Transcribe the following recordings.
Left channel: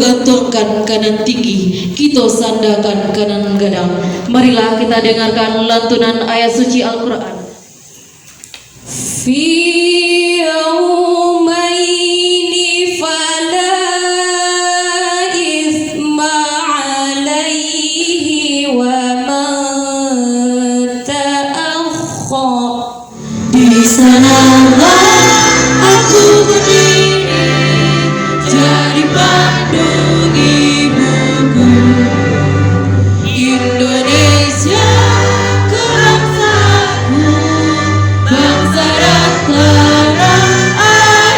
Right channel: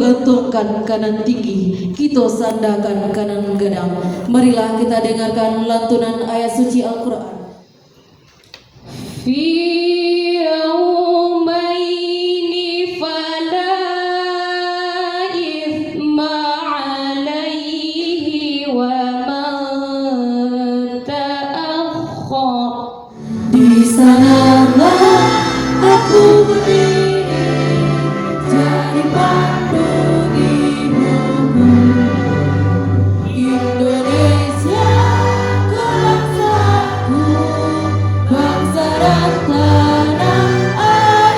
gantungkan kanan tinggi, kita sandakan kanan gadang. Marilah kita dengarkan lantunan ayat suci Al-Quran. Fi yaumaini fala ithma alaihi wa man ta'akhkhar. Di sanalah aku berdiri jadi pandu ibuku, Indonesia bangsaku, bangsa dan tanah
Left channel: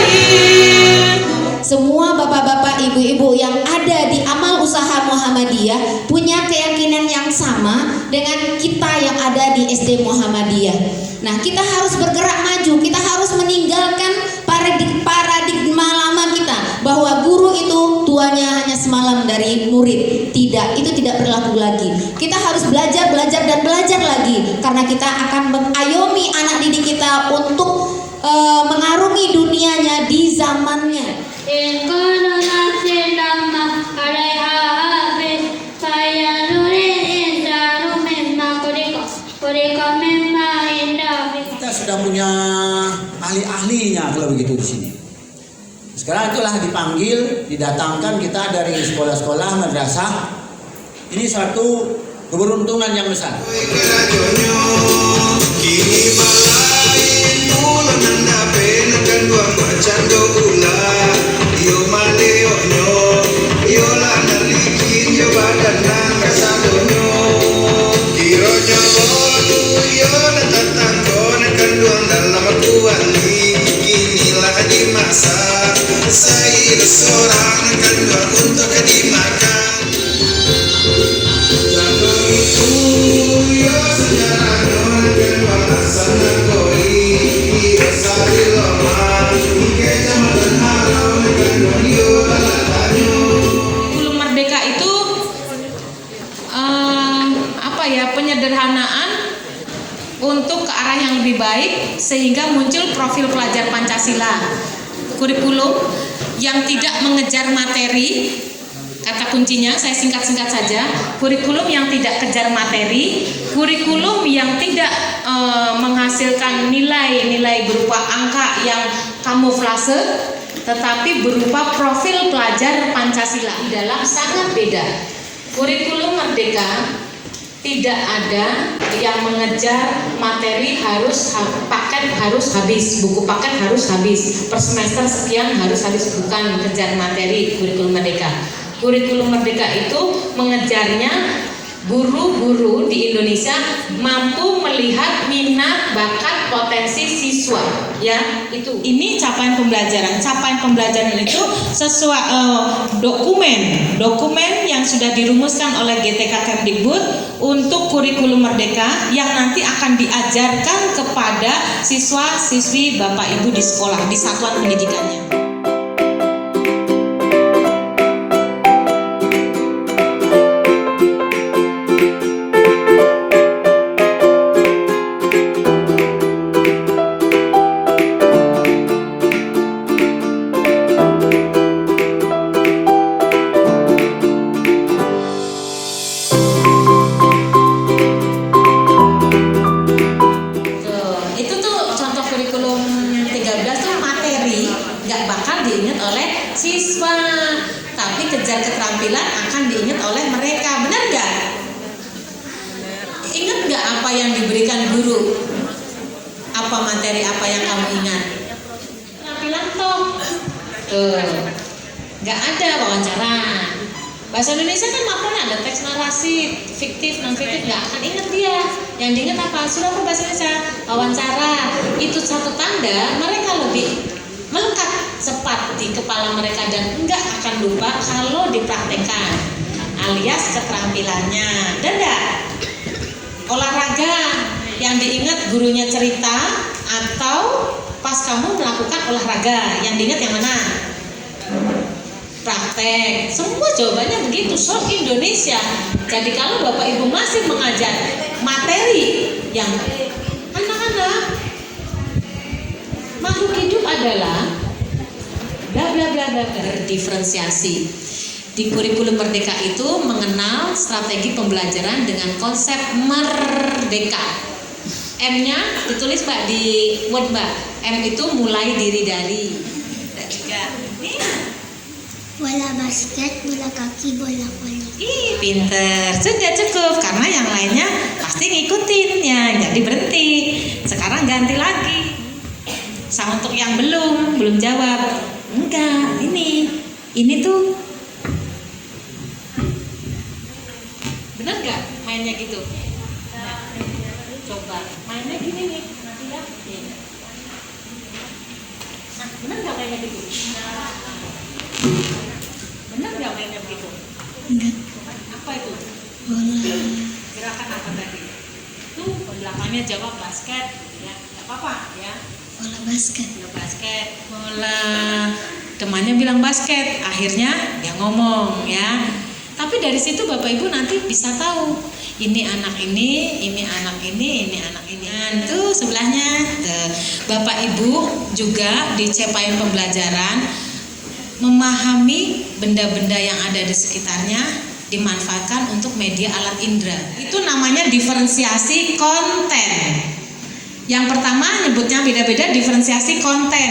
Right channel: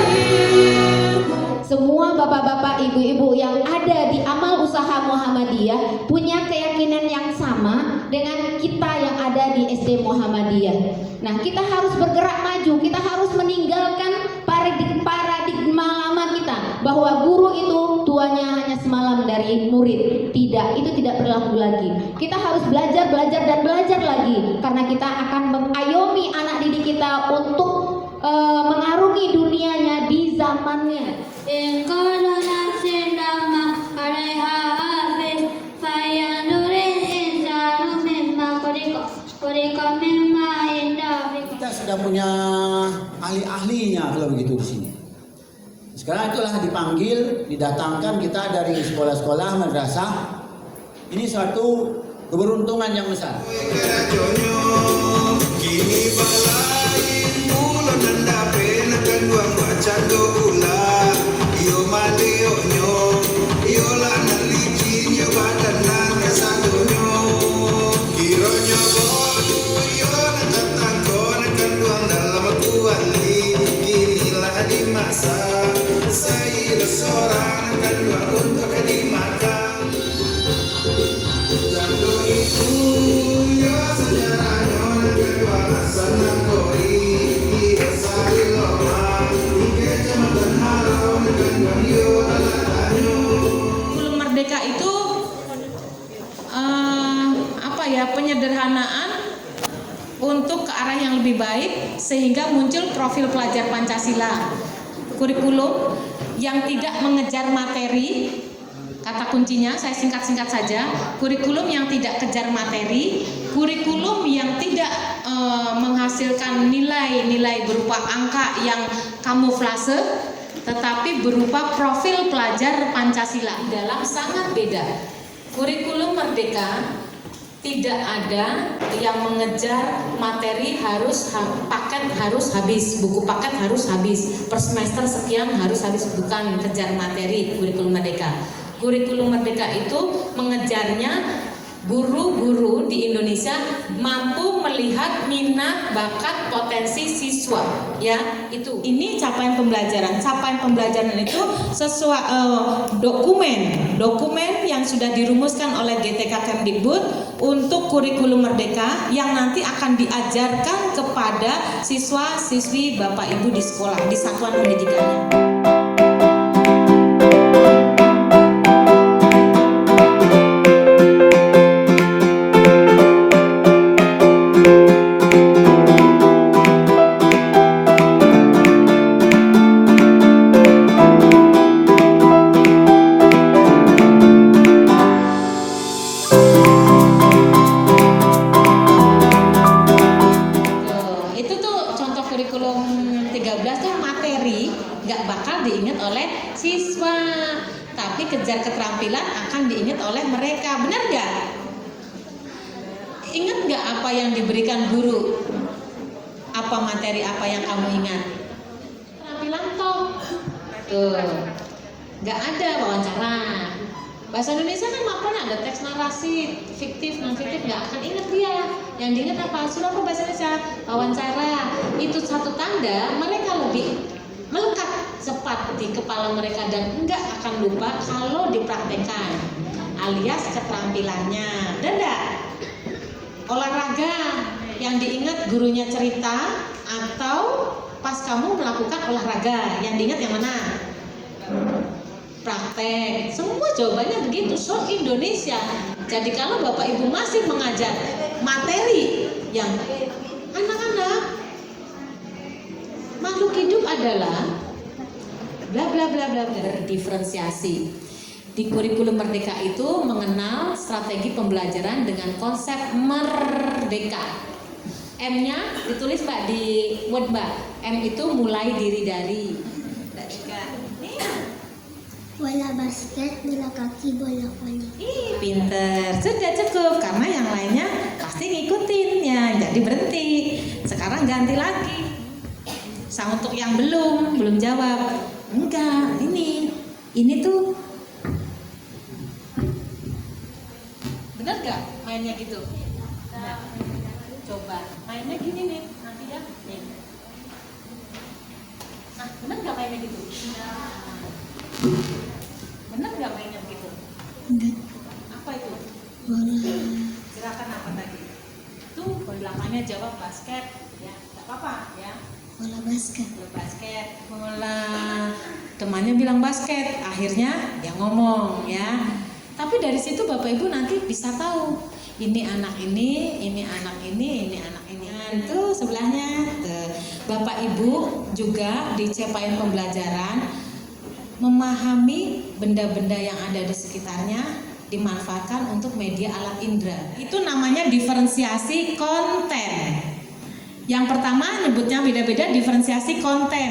airku. Semua bapak-bapak, ibu-ibu yang ada di Amal Usaha Muhammadiyah punya keyakinan yang sama dengan kita yang ada di SD Muhammadiyah. Nah, kita harus bergerak maju, kita harus meninggalkan paradigma lama kita bahwa guru itu tuanya hanya semalam dari murid. Tidak, itu tidak berlaku lagi. Kita harus belajar dan belajar lagi karena kita akan mengayomi anak didik kita untuk mengarungi dunianya di zamannya. Kita sudah punya ahli-ahlinya kalau begitu di sini. Sekarang itulah dipanggil, didatangkan kita dari sekolah-sekolah madrasah. Ini suatu keberuntungan yang besar. Kurikulum Merdeka itu penyederhanaan untuk ke arah yang lebih baik sehingga muncul profil pelajar Pancasila. Kurikulum yang tidak mengejar materi, kata kuncinya saya singkat-singkat saja, kurikulum yang tidak kejar materi, kurikulum yang tidak menghasilkan nilai-nilai berupa angka yang kamuflase, tetapi berupa profil pelajar Pancasila. Dalam sangat beda. Kurikulum Merdeka tidak ada yang mengejar materi paket harus habis, buku paket harus habis, per semester sekian harus habis, bukan kejar materi kurikulum Merdeka. Kurikulum Merdeka itu mengejarnya guru-guru di Indonesia mampu melihat minat, bakat, potensi siswa, ya itu. Ini capaian pembelajaran itu sesuai dokumen yang sudah dirumuskan oleh GTK Kemdikbud untuk kurikulum Merdeka yang nanti akan diajarkan kepada siswa-siswi Bapak Ibu di sekolah, di satuan pendidikannya. Keterampilan akan diingat oleh mereka, benar gak? Ingat gak apa yang diberikan guru? Apa materi apa yang kamu ingat? Keterampilan toh. Gak ada wawancara. Bahasa Indonesia kan apa? Ada teks narasi, fiktif, non fiktif, gak akan ingat dia. Yang diingat apa? Suruh apa bahasa Indonesia? Wawancara. Itu satu tanda mereka lebih melekat cepat di kepala mereka dan enggak akan lupa kalau dipraktekkan, alias keterampilannya. Dan enggak? Olahraga yang diingat gurunya cerita atau pas kamu melakukan olahraga yang diingat yang mana? Praktek. Semua jawabannya begitu. So Indonesia. Jadi kalau Bapak Ibu masih mengajar materi yang anak-anak, makhluk hidup adalah bla bla bla bla, berdiferensiasi. Di kurikulum Merdeka itu mengenal strategi pembelajaran dengan konsep merdeka. M-nya ditulis Mbak di Word Mbak. M itu mulai diri dari. Dan juga ini Bola basket, bola kaki, bola voli. ih, pinter. Sudah cukup karena yang lainnya pasti ngikutin ya, jadi berhenti. Sekarang ganti lagi. Sama untuk yang belum jawab. Enggak, ini tuh bener nggak mainnya gitu? Coba mainnya gini nih, nanti ya. Nah, bener nggak mainnya gitu? Bener nggak mainnya begitu? Enggak. Apa itu? Bola. Gerakan apa tadi? Itu belakangnya jawab basket, ya nggak apa-apa ya. Bola basket. Bola basket, bola. Temannya bilang basket, akhirnya dia ngomong ya. Tapi dari situ Bapak Ibu nanti bisa tahu ini anak ini anak ini anak ini. Dan itu sebelahnya Bapak Ibu juga di capaian pembelajaran memahami benda-benda yang ada di sekitarnya dimanfaatkan untuk media alat indera. Itu namanya diferensiasi konten. Yang pertama nyebutnya beda-beda, diferensiasi konten.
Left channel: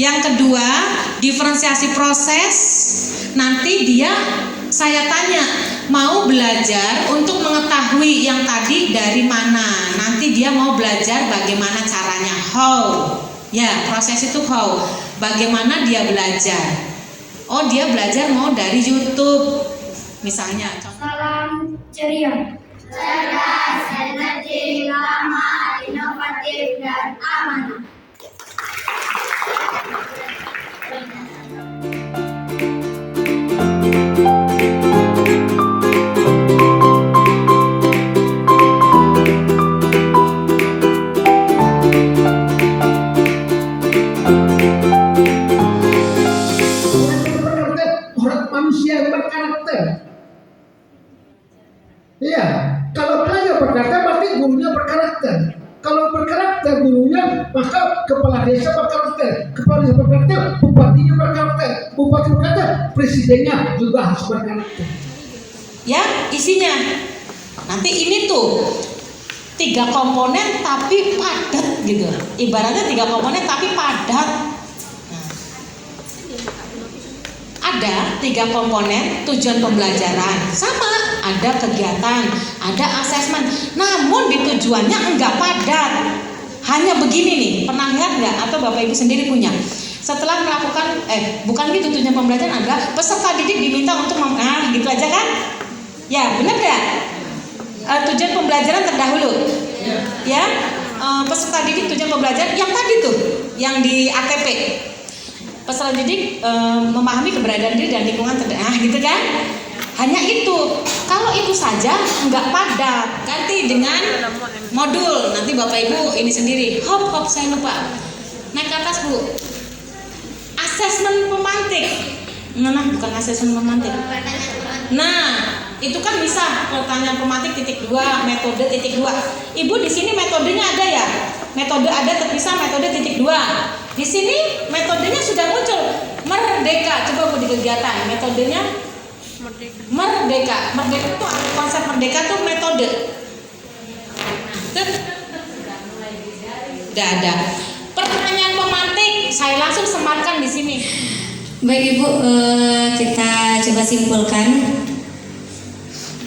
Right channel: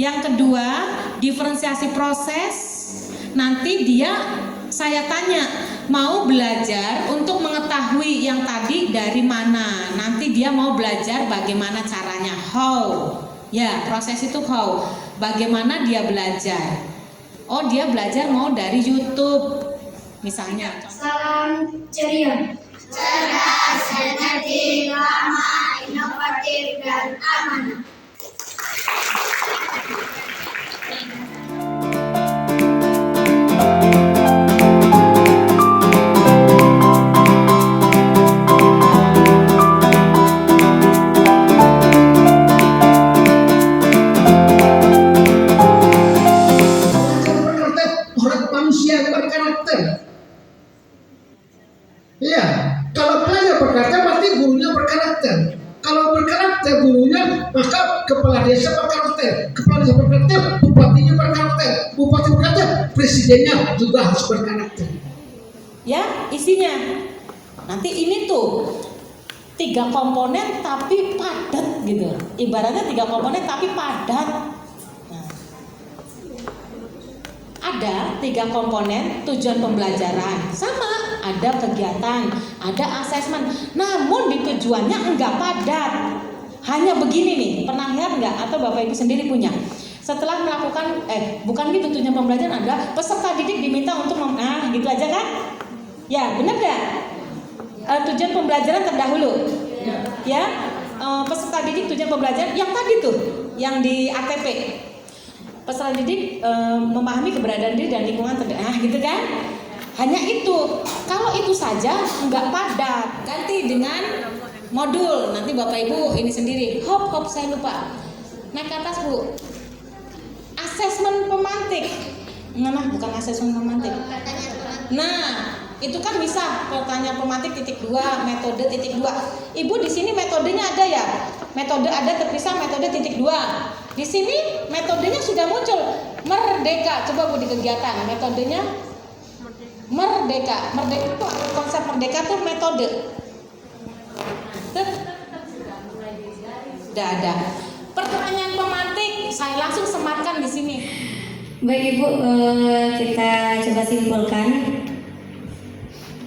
Yang kedua diferensiasi proses. Nanti saya tanya mau belajar untuk mengetahui yang tadi dari mana. Nanti dia mau belajar bagaimana caranya, how. Ya, proses itu how. Bagaimana dia belajar. Oh, dia belajar mau dari YouTube misalnya. Salam ceria. Cerdas, energi, ramah, inovatif, dan amanah. Manusia yang berkarakter. Iya, kalau pelajar berkarakter berarti gurunya berkarakter. Kalau berkarakter gurunya, maka kepala desa berkarakter. Kepala desa berkarakter, bupatinya berkarakter. Bupati berkarakter, presidennya juga harus berkarakter. Ya, isinya. Nanti ini tuh 3 komponen tapi padat gitu. Ibaratnya 3 komponen tapi padat. Ada 3 komponen tujuan pembelajaran, sama ada kegiatan, ada asesmen, namun di tujuannya enggak padat. Hanya begini nih, pernah lihat enggak atau Bapak Ibu sendiri punya? Setelah melakukan bukan gitu, tujuan pembelajaran adalah peserta didik diminta untuk gitu aja kan? Ya, benar enggak? Tujuan pembelajaran terdahulu. Ya. Peserta didik tujuan pembelajaran yang tadi tuh, yang di ATP. Peserta didik memahami keberadaan diri dan lingkungan gitu kan? Hanya itu. Kalau itu saja enggak padat. Ganti dengan modul. Nanti Bapak Ibu ini sendiri. Hop saya lupa. Naik ke atas Bu. Asesmen pemantik. Nah, bukan asesmen pemantik. Nah, itu kan bisa pertanyaan pemantik titik 2, metode titik 2. Ibu di sini metodenya ada ya? Metode ada terpisah, metode titik 2. Di sini metodenya sudah muncul. Merdeka, coba Bu di kegiatan. Metodenya Merdeka. Merdeka itu konsep merdeka tuh metode. Udah ada. Pertanyaan pemantik, saya langsung sematkan di sini. Baik Ibu, kita coba simpulkan.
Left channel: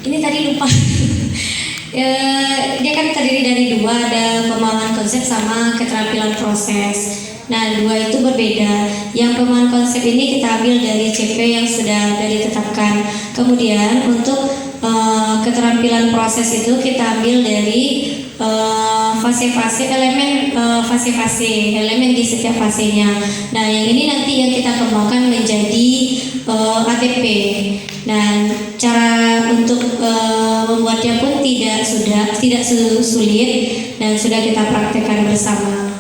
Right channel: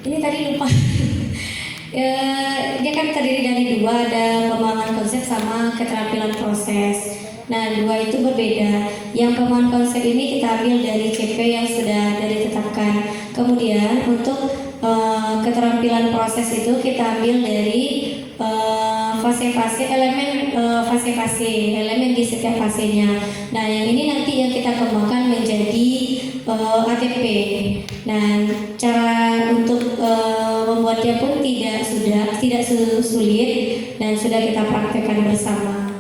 Ini tadi lupa. Dia kan terdiri dari 2, ada pemahaman konsep sama keterampilan proses. Nah, 2 itu berbeda. Yang pemahaman konsep ini kita ambil dari CP yang sudah ada ditetapkan. Kemudian untuk keterampilan proses itu kita ambil dari fase-fase elemen di setiap fasenya. Nah, yang ini nanti yang kita kembangkan menjadi ATP. Dan cara untuk membuatnya pun tidak sulit dan sudah kita praktekkan bersama.